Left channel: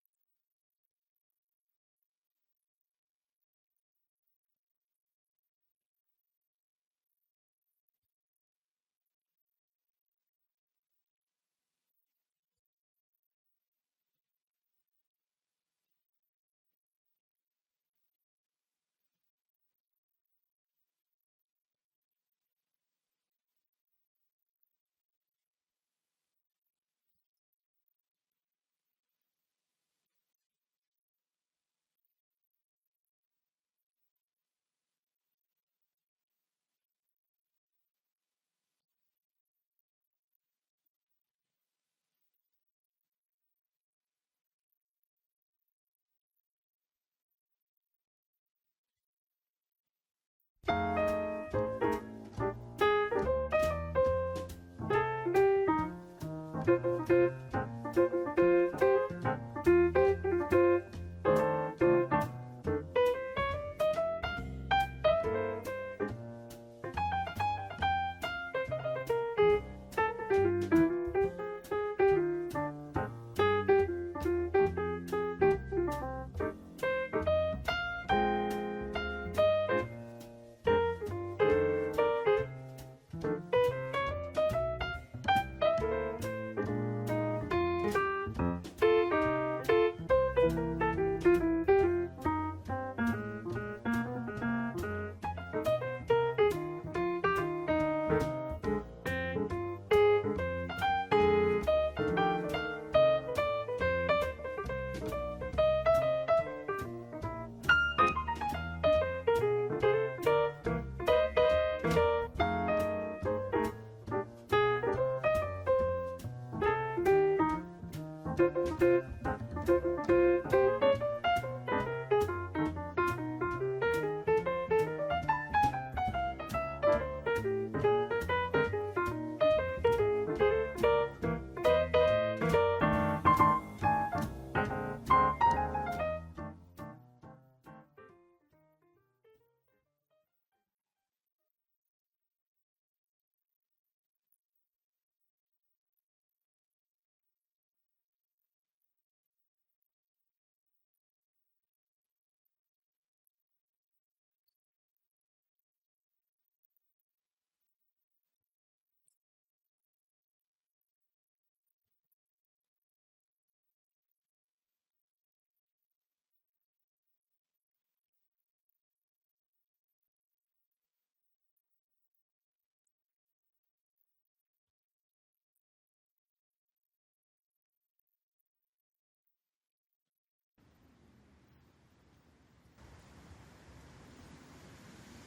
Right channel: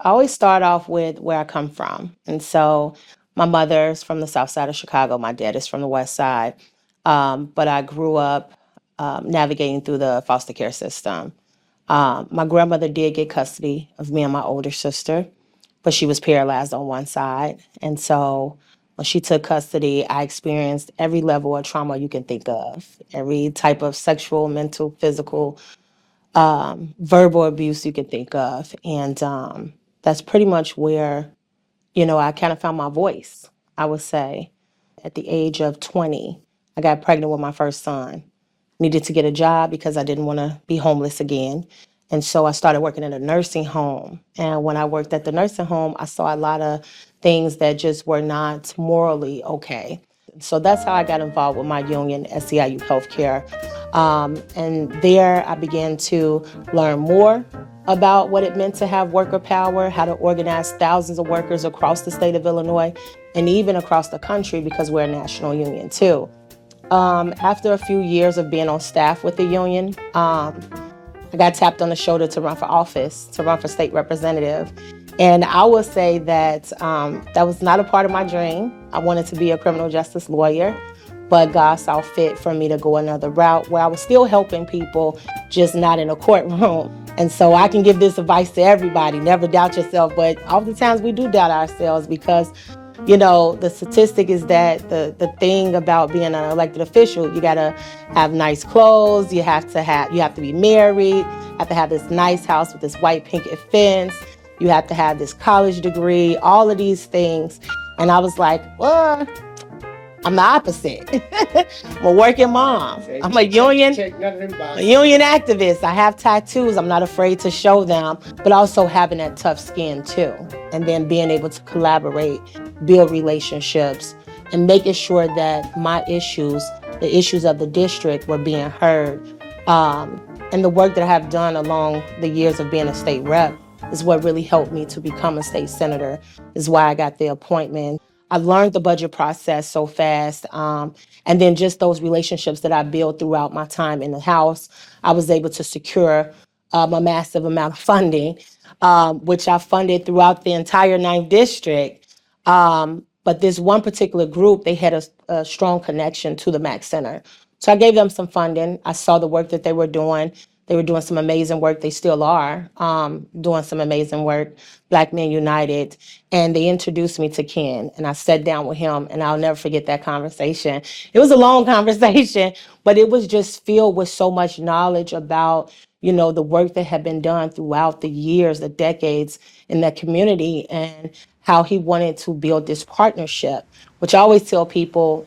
I always start off with where I come from. And so my mother's from the south side of Chicago. My dad is from the west side. But I grew up navigating through the foster care system. My grandmother did get custody of me and my older sister, but she was paralyzed on one side. And so when she took custody, I experienced every level of trauma you can think of, every type of sexual, mental, physical, verbal abuse you can think of. And that's pretty much where, I kind of found my voice, I would say. At the age of 20, I got pregnant with my first son. Needed to get a job because I didn't want to be homeless again. And so I started working in a nursing home. And when I worked at the nursing home, I saw a lot of things that just were not morally okay. So that's how I got involved with my union, SEIU Healthcare. And there I began to learn more about what it meant to have worker power, how to organize thousands of workers across the state of Illinois and even across the country because we're a national union too. After a few years of being on staff with the union, I got tapped on the shoulder to run for office, to run for state representative. And I will say that that was not a part of my dream. I wanted to be a criminal justice lawyer, but God saw fit for me to go another route where I was still helping people, just not in a courtroom. And so I can give this advice to everybody, never doubt yourself, but oftentimes we do doubt ourselves because the statistic is that the thing about being an elected official, you gotta have nice clothes, you have to be married, you have to have this nice house with this white picket fence, you have to have this college degree, all of these things. And I was like, well, I'm the opposite. I'm a working mom. I'm a union activist. I have tattoos. I'm not afraid to show them, but also having that tough skin too. And then being able to collaborate, build relationships, and making sure that my issues, the issues of the district, were being heard. And the work that I have done along the years of being a state rep is what really helped me to become a state senator, is why I got the appointment. I learned the budget process so fast. And then just those relationships that I built throughout my time in the House, I was able to secure a massive amount of funding, which I funded throughout the entire 9th District. But this one particular group, they had a strong connection to the MACC Center. So I gave them some funding. I saw the work that they were doing. They were doing some amazing work. They still are doing some amazing work, Black Men United. And they introduced me to Ken, and I sat down with him, and I'll never forget that conversation. It was a long conversation, but it was just filled with so much knowledge about, the work that had been done throughout the years, the decades in that community, and how he wanted to build this partnership, which I always tell people,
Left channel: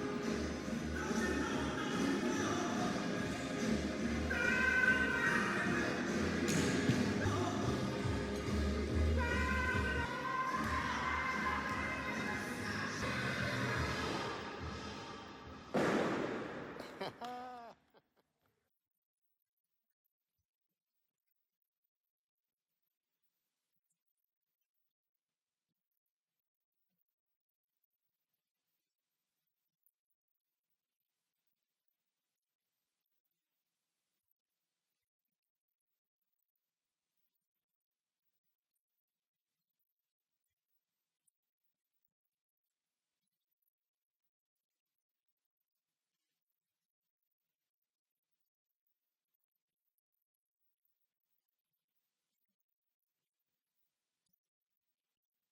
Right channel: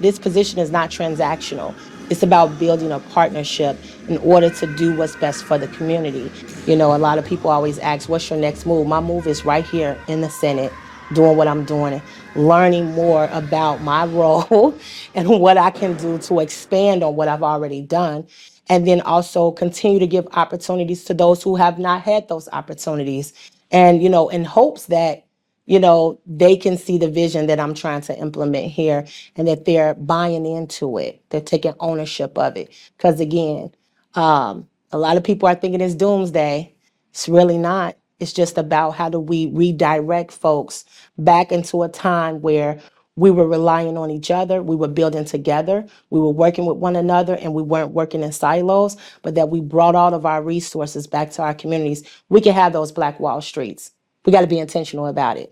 this position is not transactional. It's about building a partnership in order to do what's best for the community. A lot of people always ask, what's your next move? My move is right here in the Senate, doing what I'm doing, and learning more about my role and what I can do to expand on what I've already done. And then also continue to give opportunities to those who have not had those opportunities. And, in hopes that, they can see the vision that I'm trying to implement here and that they're buying into it. They're taking ownership of it. Because again, a lot of people are thinking it's doomsday. It's really not. It's just about how do we redirect folks back into a time where we were relying on each other, we were building together, we were working with one another, and we weren't working in silos, but that we brought all of our resources back to our communities. We can have those Black Wall Streets. We got to be intentional about it.